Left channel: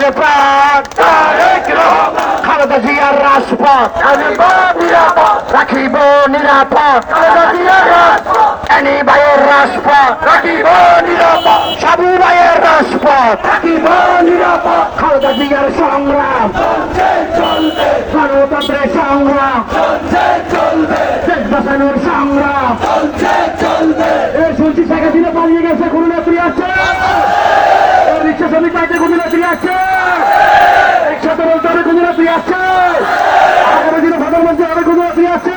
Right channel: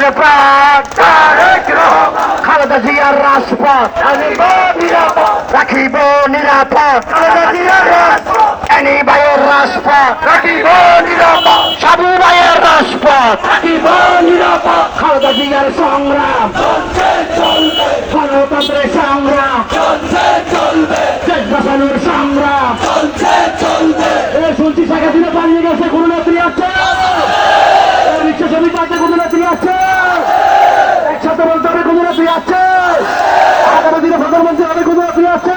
দেশের প্রাণ খালেদা জিয়ার রাজপথ রাখিব নিরাপদ খালেদা জিয়ার রাজপথ এনি ভাইয়ের রাজপথ রাখিব নিরাপদ সাবু ভাইয়ের রাজপথ রাখিব নিরাপদ খালেদা জিয়ার সংগ্রাম গণতন্ত্রের সংগ্রাম দেশ বাঁচানোর সংগ্রাম শুনছি শেখ হাসিনা পালিয়ে গেছে কোন নেত্রী আছে রিক্সা শ্রমিক পাইতে কোন নেত্রী আছে একসাথে বলতে হবে কোন নেত্রী আছে আগামী দিনে প্রধানমন্ত্রী হবে কোন নেত্রী আছে